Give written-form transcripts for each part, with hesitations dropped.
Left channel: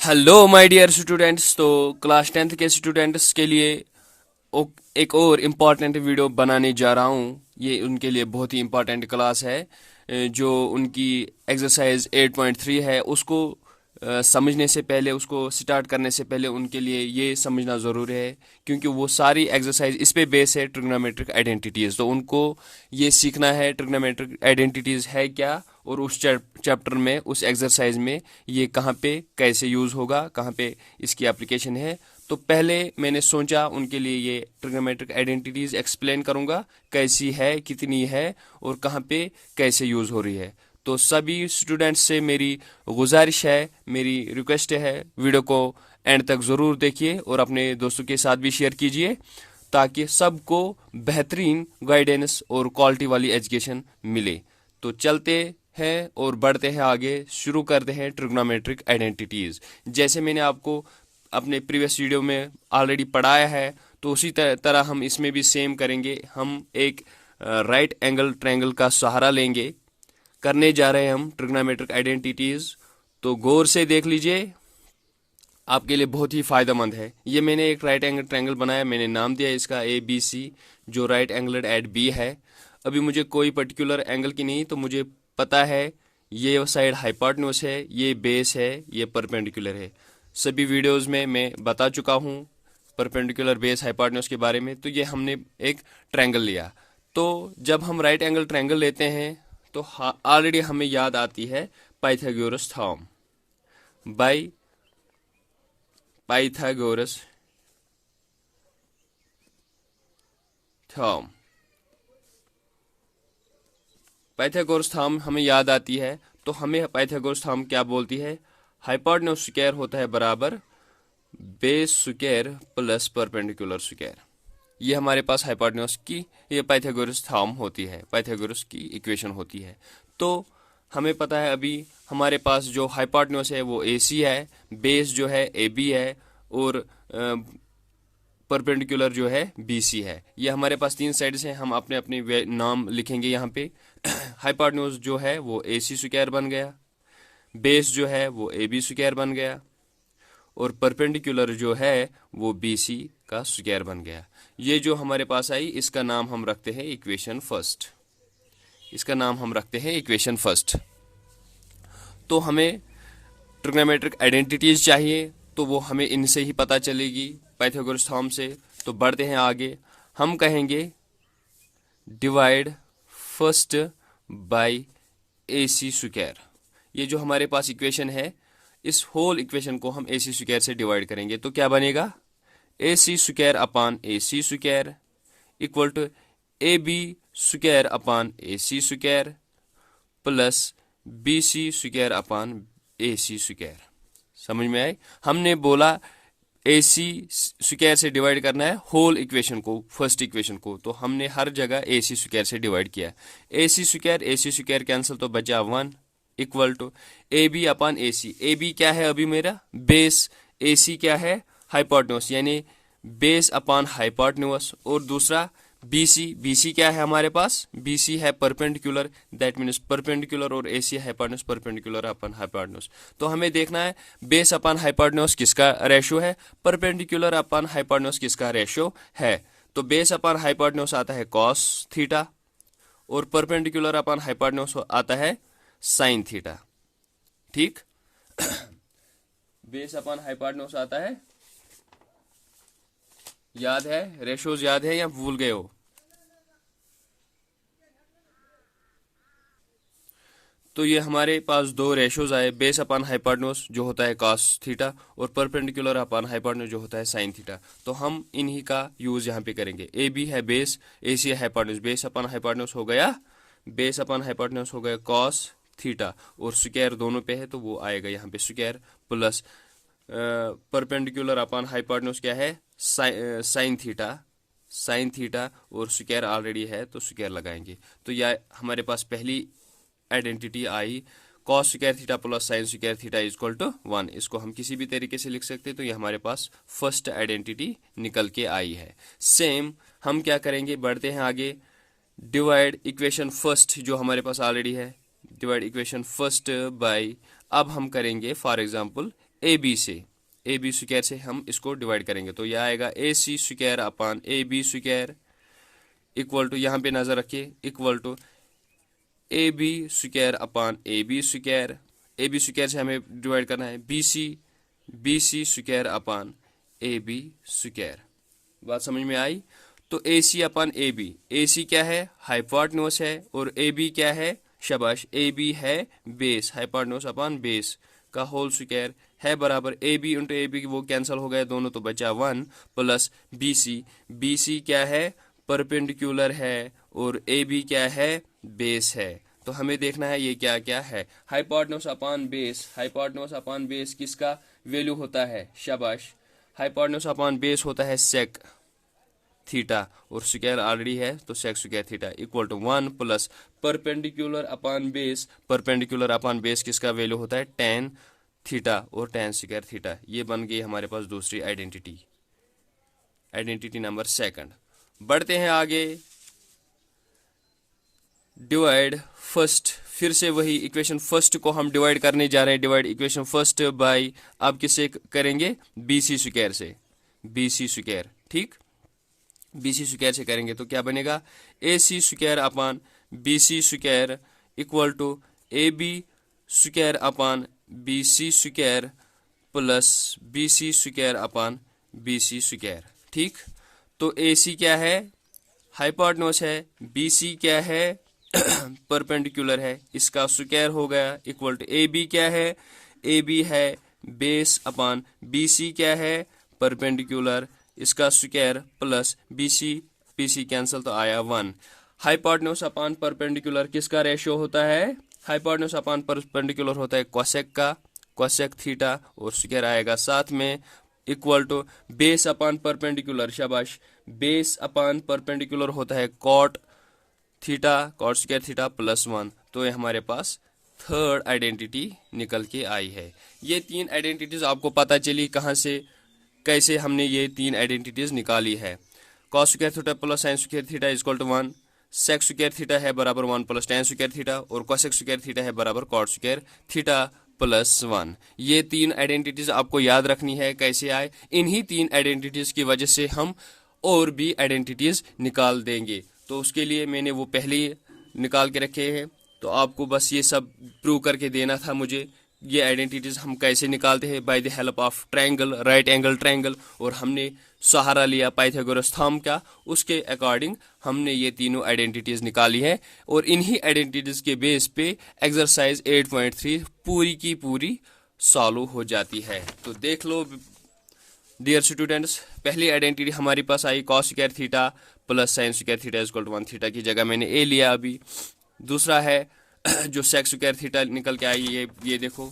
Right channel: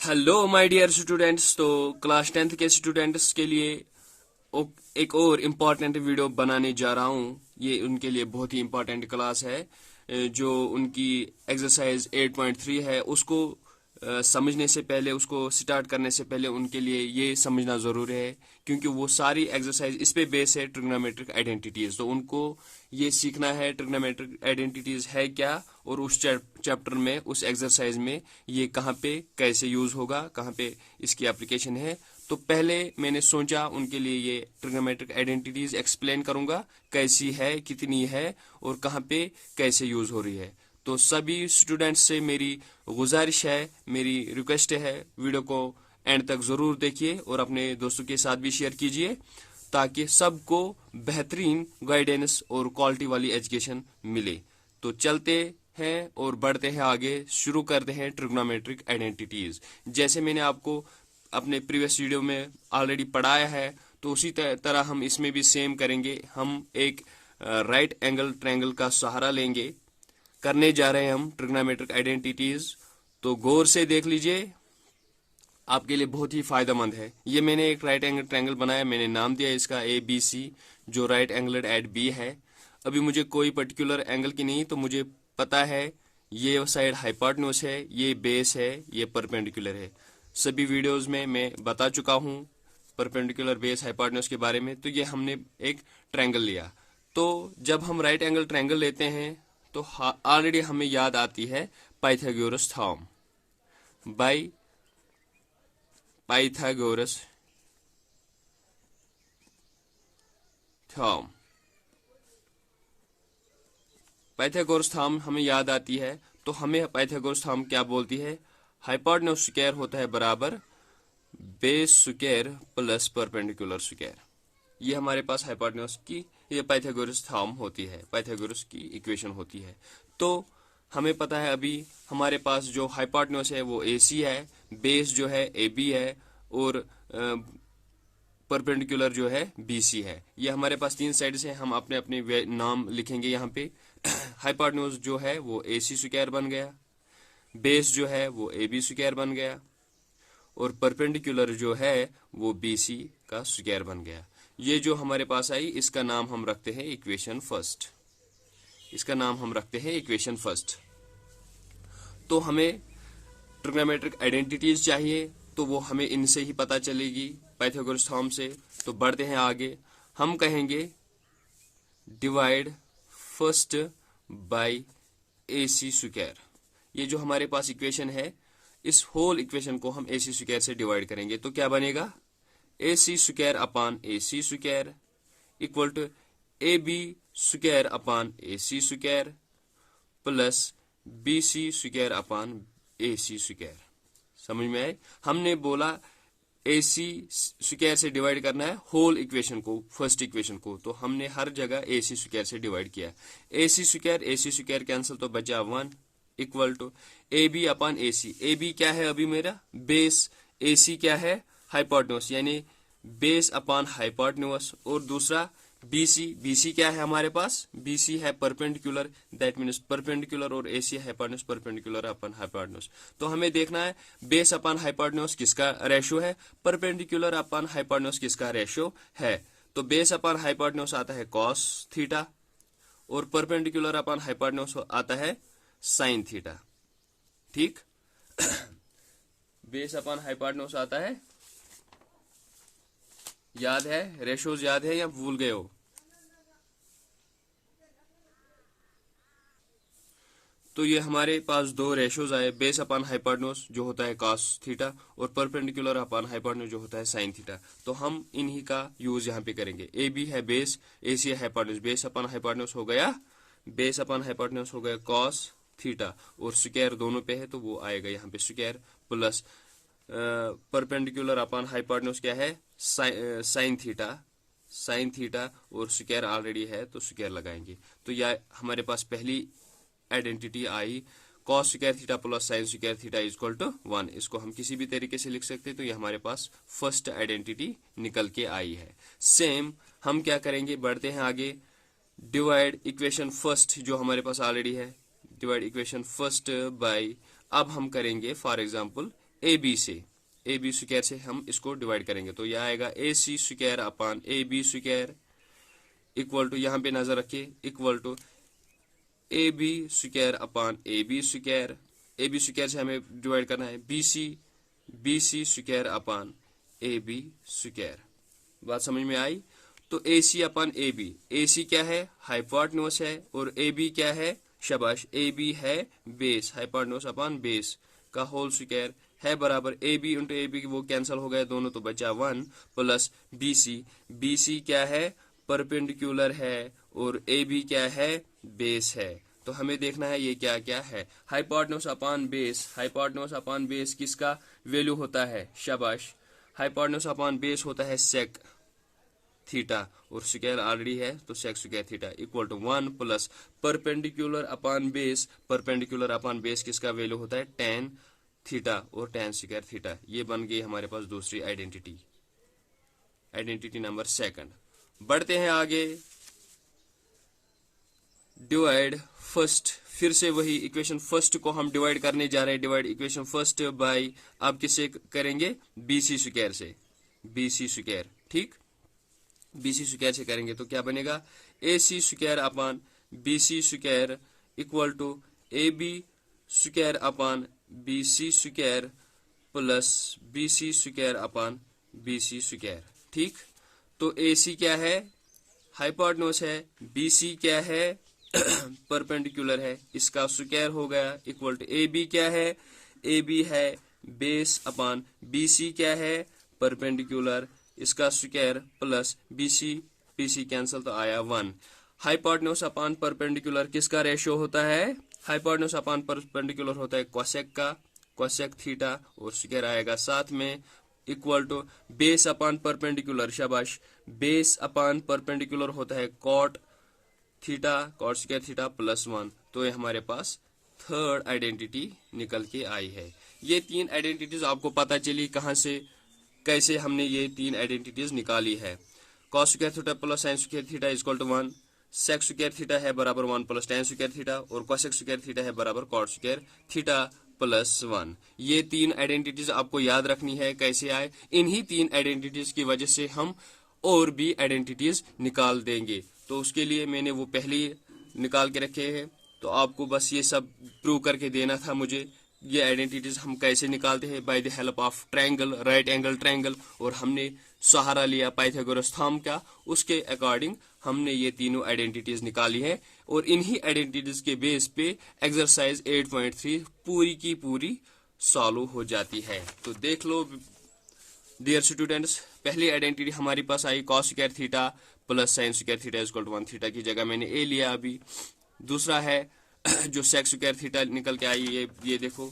Hello my dear students. तो class 10th के students के लिए एक और इम्पॉर्टेंट वीडियो बनाने जा रहा हूँ। ये उनके लिए बहुत ही इम्पॉर्टेंट क्लास है। जो उनकी एक्सरसाइज 8.3 है उसको समझने से पहले, उसको स्टार्ट करने से पहले उनके लिए ये समझना ज़रूरी है, क्योंकि वो सारी एक्सरसाइज इस पे बेस है, ट्रिग्नोमेट्रिक आइडेंटिटीज़। तो उनको ये सीखना है ट्रिग्नोमेट्रिक आइडेंटिटीज़ है क्या, और उस चैप्टर में, उस एक्सरसाइज में ये कहाँ पे कैसे यूज़ होगा, कहाँ पे इसकी एप्लीकेशन है। तो पहले मैंने सोचा उनके लिए ये ट्रिग्नोमेट्रिक आइडेंटिटीज़ एक्सप्लेन करूँगा, कैसी है, कितनी है और कहाँ पे कैसे यूज़ हो रही है। तो सभी स्टूडेंट्स से मेरी गुजारिश है, मेरी रिक्वेस्ट है, वीडियो को एंड तक ज़रूर देखिए और अपने दोस्तों के साथ भी शेयर कीजिए, ताकि सबको बेहतरीन गाइडेंस और क्वालिटी वाली एजुकेशन मिले। तो चलते हैं और बढ़ते हैं आगे, शुरू करते हैं ट्रिग्नोमेट्रिक आइडेंटिटीज़। जैसे मैंने आपको अपने प्रीवियस वीडियो में ऑलरेडी पढ़ाया है, तो उसी तरह हम इसमें भी सेम करेंगे। हम एक राइट एंगल ट्रायंगल का सहारा लेंगे, करने जा रहे हैं हम ट्रिग्नोमेट्रिक आइडेंटिटीज। तो गौर से देख लीजिए, आपके लिए बहुत ही फायदेमंद है। ये मैंने एक राइट एंगल ट्रायंगल बनाया, मैंने नाम दिया इसका ABC, जो राइट एंगल एट बी है। अभी मुझे कोई पर्टिकुलर एंगल की नहीं, तो मुझे पता है ये साइड हाइपोटेन्यूज है, ये बेस है, ये परपेंडिकुलर है। सभी वीडियोस में मैं बता चुका हूँ परपेंडिकुलर बेस हाइपोटेन्यूज के बारे में। तो ये हमने एक ट्रायंगल लिया। तो जब हम राइट एंगल ट्रायंगल लेते हैं तो ऑलरेडी हमें याद आती है Pythagoras theorem. By Pythagoras theorem, Pythagoras theorem हमें याद आती है। तो हमें पाइथागोरस थ्योरम क्या बोलती है? हाइपोटेन्यूज स्क्वायर होता है बराबर base square plus perpendicular square. ये हमारे पास हाइपोटेन्यूज की ये पाइथागोरस थ्योरम होती है, पाइथागोरस की इक्वेशन होती है। तो हमें पता है अभी हमारे पास जो हाइपोटेन्यूज है वो AC है, बेस जो है AB है, और परपेंडिकुलर जो है BC है। ये हमारे पास तीन साइड्स हैं, हम अपने अपने नाम लिखेंगे यहाँ पे। हाइपोटेन्यूज जो है वो AC स्क्वायर बन गया, बेस जो है वो AB स्क्वायर बन गया, और परपेंडिकुलर जो है वो BC का स्क्वायर बन गया। ये जो हमारे पास आई, इसका नाम हम रखते हैं इक्वेशन फर्स्ट। इसका नाम हम रखते हैं इक्वेशन फर्स्ट। तो हमें ट्रिग्नोमेट्रिक आइडेंटिटीज चाहिए, तो वो हमें इनसे ही पता चलेगी, पाइथागोरस थ्योरम से। तो बढ़ते हैं आगे, हम कहेंगे divide first by AC square. ये जो हमारे पास इक्वेशन है, इस होल इक्वेशन को हम AC स्क्वायर से डिवाइड करेंगे। तो क्या बनेगा? AC square upon AC square equal to AB square upon AC square plus BC square upon AC square. समझ में आए? हमने बोला AC स्क्वायर से डिवाइड करना है होल इक्वेशन को, फर्स्ट इक्वेशन को, तो हमने हर जगह AC स्क्वायर से डिवाइड किया। AC स्क्वायर कैंसिल, तो बचा 1 equal to AB upon AC। AB क्या है अभी मेरा? बेस। AC क्या है? हाइपोटेन्यूज, यानी बेस अपान हाइपोटेन्यूज। और दूसरा BC क्या है हमारे पास? BC है परपेंडिकुलर, दैट मीन्स परपेंडिकुलर और AC hypotenuse, perpendicular upon hypotenuse. तो हमें देखना है बेस अपन हाइपोटेन्यूज किसका रेशियो है, परपेंडिकुलर अपन हाइपोटेन्यूज किसका रेशियो है। तो बेस अपन हाइपोटेन्यूज आता है cos थीटा, और परपेंडिकुलर अपन हाइपोटेन्यूज आता है sin थीटा। ठीक, बेस अपन हाइपोटेन्यूज आता है, याद है? रेशियोज याद है या भूल गए हो? तो ये हमारे पास दो रेशियोज आए, बेस अपान हाइपोटेन्यूज जो होता है cos थीटा, और परपेंडिकुलर अपान हाइपोटेन्यूज जो होता है sin थीटा। तो हम इन्हीं का यूज यहाँ पे करेंगे। AB है बेस, AC है हाइपोटेन्यूज। बेस अपान हाइपोटेन्यूज हो गया, बेस अपान हाइपोटेन्यूज हो गया cos थीटा, और स्क्वायर दोनों पे है तो वो आएगा यहाँ पे square, plus perpendicular upon hypotenuse क्या है? sin थीटा, sin थीटा, और स्क्वायर ऑलरेडी है तो स्क्वायर लगाएंगे। तो यह हमारे पास पहली आइडेंटिटी आई, cos square theta plus sin square theta equal to 1। इसको हम किसी भी तरीके से लिख सकते हैं। तो ये हमारे पास फर्स्ट आइडेंटिटी निकल के आई है। सेम हम क्या करेंगे, बढ़ते हैं आगे, डिवाइड इक्वेशन फर्स्ट जो हमारे पास ऑलरेडी है, डिवाइड इक्वेशन फर्स्ट बाय, अब हम करेंगे फॉर एग्जांपल ए बी से, ए बी स्क्वायर से हम इसको डिवाइड करेंगे, तो यह आएगा A C square upon A B square equal to, यहाँ पे नजर रखिए, equal to A B square upon A B square, A B square से हमें डिवाइड करना है B C square upon A B square. बात समझ में आई? तो ए सी अपान ए सी क्या है? हाइपोटेन्यूज है, और ए बी क्या है? शाबाश, ए बी है बेस, हाइपोटेन्यूज अपान बेस का होल स्क्वायर है बराबर A B into A B, वो कैंसिल हो गए दोनों, तो बचा 1 प्लस बी सी क्या है? परपेंडिकुलर है, और ए बी क्या है? बेस है। तो हमें देखना है ये क्या क्या है। हाइपोटेन्यूज अपान बेस किसका वैल्यू होता है? शाबाश, हाइपोटेन्यूज अपान बेस होता है सेक थीटा, और स्क्वायर ऑलरेडी है तो sec square theta equal to 1 plus perpendicular upon base किसका वैल्यू होता है? टेन थीटा और टेन स्क्वायर थीटा। ये बन गई हमारे पास दूसरी आइडेंटिटी नंबर सेकंड। बढ़ते हैं आगे, डिवाइड फर्स्ट, फिर से वही इक्वेशन फर्स्ट को हम डिवाइड करने जा रहे हैं। डिवाइड इक्वेशन फर्स्ट बाय, आप किससे करेंगे? बीसी स्क्वायर से, बीसी स्क्वायर, ठीक, बीसी स्क्वायर से करेंगे तो क्या बनेगा? A C square upon B C square equal to A B square upon B C square plus B C square upon B C square, ठीक। तो ए सी क्या है? हाइपोटेन्यूज है, बी सी क्या है? परपेंडिकुलर है, इसका स्क्वायर हो गया इक्वल टू ए बी क्या है? ए बी है बेस अपान बी सी क्या है? परपेंडिकुलर, इसका square plus B C cancel तो आया 1। हाइपोटेन्यूज अपान परपेंडिकुलर किसका रेशियो होता है? हाइपोटेन्यूज अपान परपेंडिकुलर होता है कोसेक का, कोसेक थीटा, और स्क्वायर आएगा साथ में equal to base upon perpendicular, शाबाश, बेस अपान परपेंडिकुलर होता है cot theta, cot square theta plus 1। तो ये हमारे पास थर्ड आइडेंटिटी निकल के आई है। ये तीन आइडेंटिटीज आपको पता चली कहाँ से, कैसे हमने ये तीन आइडेंटिटीज निकाली है। Cos square theta plus sine square theta equal to 1, sec square theta है बराबर 1 प्लस टेन स्क्वायर थीटा, और कोसेक स्क्वायर थीटा है बराबर कॉट स्क्वायर थीटा प्लस 1। ये तीन आइडेंटिटीज आपको याद रखनी है कैसे आए। इन्हीं तीन आइडेंटिटीज की वजह से हम और भी आइडेंटिटीज निकाल देंगे। तो उसके लिए मैंने वो पहले ही निकाल के रखे हैं, तो आपको बस ये सब प्रूव करके देना था मुझे। ये आइडेंटिटीज हम कैसे निकालते हैं? By the help of triangle, right angle triangle, और हमने सहारा लिया पाइथागोरस थंब का, उसके अकॉर्डिंग हमने ये तीनों आइडेंटिटीज निकाली है। और इन्हीं आइडेंटिटीज के बेस पे एक्सरसाइज 8.3 पूरी की पूरी सॉल्व हो जाती है। तो देख लो डियर स्टूडेंट्स, पहली आइडेंटिटी हमारी पास आई cos square theta plus sine square theta equal to 1, theta की जगह मैंने ए लिया अभी। दूसरा है जो सेक स्क्वायर थीटा निकल के आई, ये देखो,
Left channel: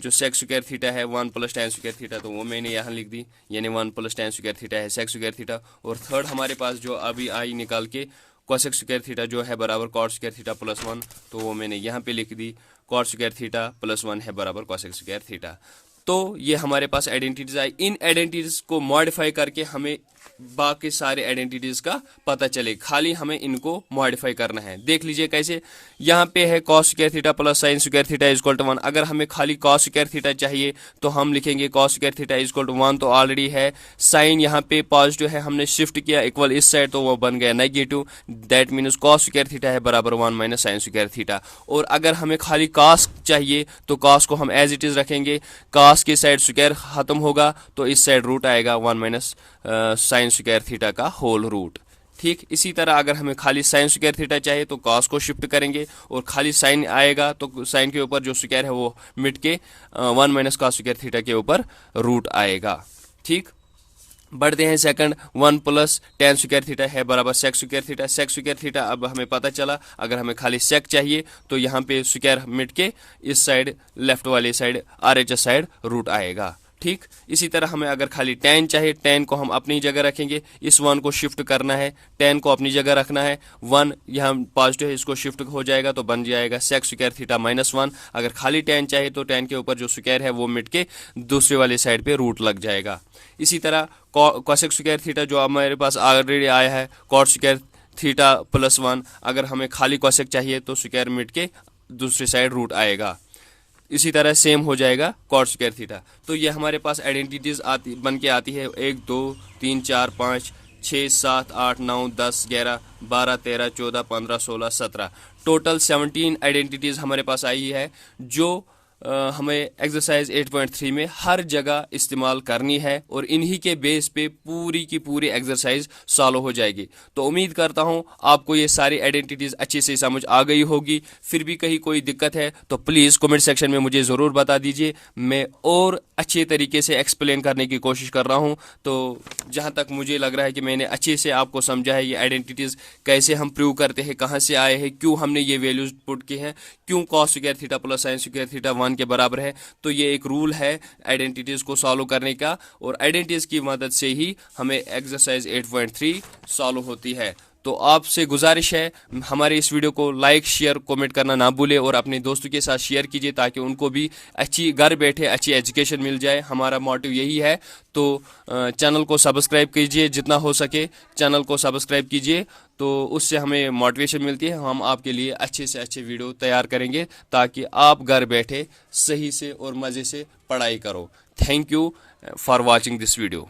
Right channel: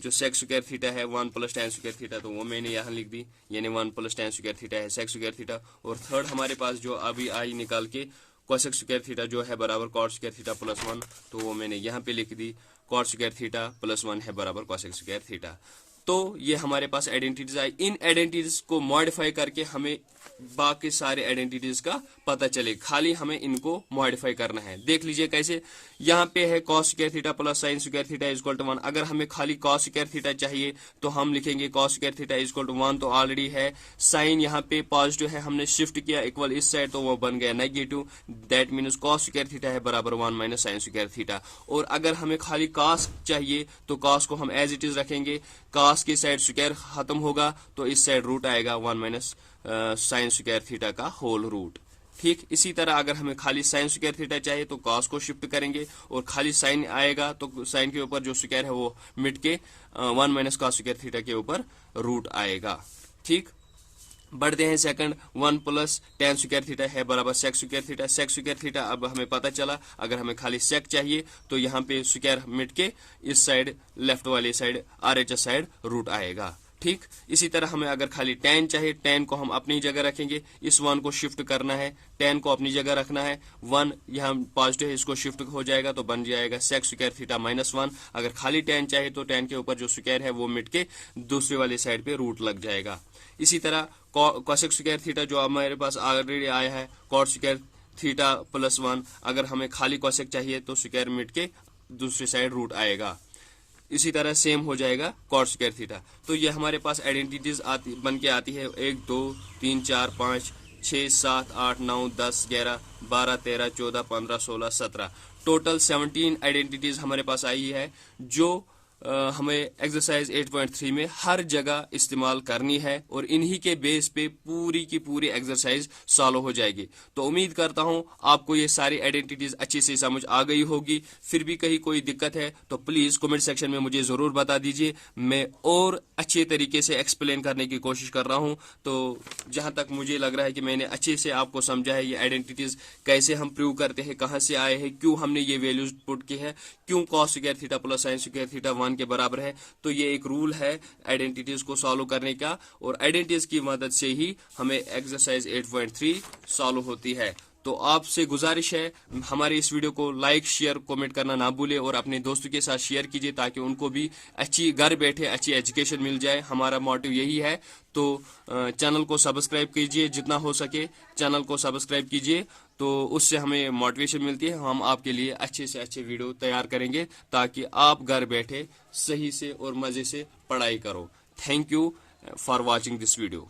जो सेक स्क्वायर थीटा है 1 प्लस टेन स्क्वायर थीटा, तो वो मैंने यहाँ लिख दी, यानी 1 प्लस टेन स्क्वायर थीटा है सेक स्क्वायर थीटा। और थर्ड हमारे पास जो अभी आई निकाल के कोसेक स्क्वायर थीटा जो है बराबर कॉट स्क्वायर थीटा प्लस 1, तो वो मैंने यहाँ पे लिख दी, कॉट स्क्वायर थीटा प्लस 1 है बराबर कोसेक स्क्वायर थीटा। तो ये हमारे पास आइडेंटिटीज आई। इन आइडेंटिटीज को मॉडिफाई करके हमें बाकी सारे आइडेंटिटीज का पता चले, खाली हमें इनको मॉडिफाई करना है। देख लीजिए कैसे, यहाँ पे है cos square theta plus sine square theta equal to 1। अगर हमें खाली कॉस स्क्वायर थीटा चाहिए तो हम लिखेंगे cos square theta equal to 1, तो ऑलरेडी है। साइन यहाँ पे पॉजिटिव है, हमने शिफ्ट किया इक्वल इस साइड, तो वो बन गया negative, that means cos square theta है बराबर 1 माइनस साइन स्क्वायर थीटा। और अगर हमें खाली कॉस चाहिए तो कॉस को हम एज इट इज रखेंगे, कॉस की साइड स्क्वायर खत्म होगा तो इस साइड रूट आएगा 1 माइनस साइन स्क्वायर थीटा का होल रूट, ठीक। इसी तरह अगर हमें खाली साइन स्क्वायर थीटा चाहिए तो कॉस को शिफ्ट करेंगे, और खाली साइन आएगा तो साइन के ऊपर जो स्क्वायर है वो मिट के 1 माइनस कॉस स्क्वायर थीटा के ऊपर रूट आएगा, ठीक। बढ़ते हैं second, 1 plus tan square theta है बराबर sec square theta. Sec square theta अब हमें पता चला, अगर हमें खाली सेक चाहिए तो यहाँ पे स्क्वायर मिट के इस साइड लेफ्ट वाली साइड RHS साइड रूट आएगा, ठीक। इसी तरह हमें अगर खाली टेन चाहिए, टेन को हम अपनी जगह रखेंगे, इस 1 को शिफ्ट करना है, टेन को अपनी जगह रखना है, 1 यहाँ पॉजिटिव है इसको शिफ्ट हो जाएगा तो बन जाएगा सेक स्क्वायर थीटा माइनस 1। अगर खाली टेन चाहिए तो टेन के ऊपर जो स्क्वायर है वो मिट के दूसरे वाले साइड पे रूट लग जाएगा। इसी तरह कोसेक स्क्वायर थीटा जो हमारे पास ऑलरेडी आया है कॉट स्क्वायर थीटा प्लस 1, अगर हमें खाली कोसेक चाहिए तो स्क्वायर मिट के दूसरी साइड रूट आएगा। इसी तरह सेम हो जाएगा कॉट स्क्वायर थीटा। तो ये हमारे पास आइडेंटिटीज आती बन के आती है 1 2 3 4 5 6 7 8 9 10 11 12 13 14 15 16 17 टोटल 17 आइडेंटिटीज हमारे पास आई है जो हमें एक्सरसाइज 8.3 में हर जगह इस्तेमाल करनी है और इन्हीं के बेस पे पूरी की पूरी एक्सरसाइज सॉल्व हो जाएगी। तो उम्मीद करता हूं आपको ये सारी आइडेंटिटीज अच्छे से समझ आ गई होगी। फिर भी कहीं कोई दिक्कत है तो प्लीज कमेंट सेक्शन में मुझे जरूर बता दीजिए, मैं और अच्छे तरीके से एक्सप्लेन करने की कोशिश कर रहा हूं। तो जहां तक मुझे लग रहा है कि मैंने अच्छे से आपको समझा है ये आइडेंटिटीज कैसे हम प्रूव करते हैं, कहां से आए हैं, क्यों हमने ये वैल्यूज पुट किए हैं, क्यों cos square theta plus sine square theta 1 के बराबर है। तो ये एक रूल है आइडेंटिटीज को सॉल्व करने का और आइडेंटिटीज की मदद से ही हमें एक्सरसाइज 8.3 सॉल्व होती है। तो आपसे गुजारिश है हमारे इस वीडियो को लाइक शेयर कमेंट करना ना भूले और अपने दोस्तों के साथ शेयर कीजिए ताकि उनको भी अच्छी घर बैठे अच्छी एजुकेशन मिल जाए। हमारा मोटिव यही है। तो चैनल को सब्सक्राइब कीजिए, जितना हो सके चैनल को सब्सक्राइब कीजिए, तो उससे हमें मोटिवेशन मिलती है। हम आपके लिए अच्छे से अच्छे वीडियो तैयार करेंगे ताकि आप घर बैठे सही से और मज़े से पढ़ाई करो। Thank you for watching this video.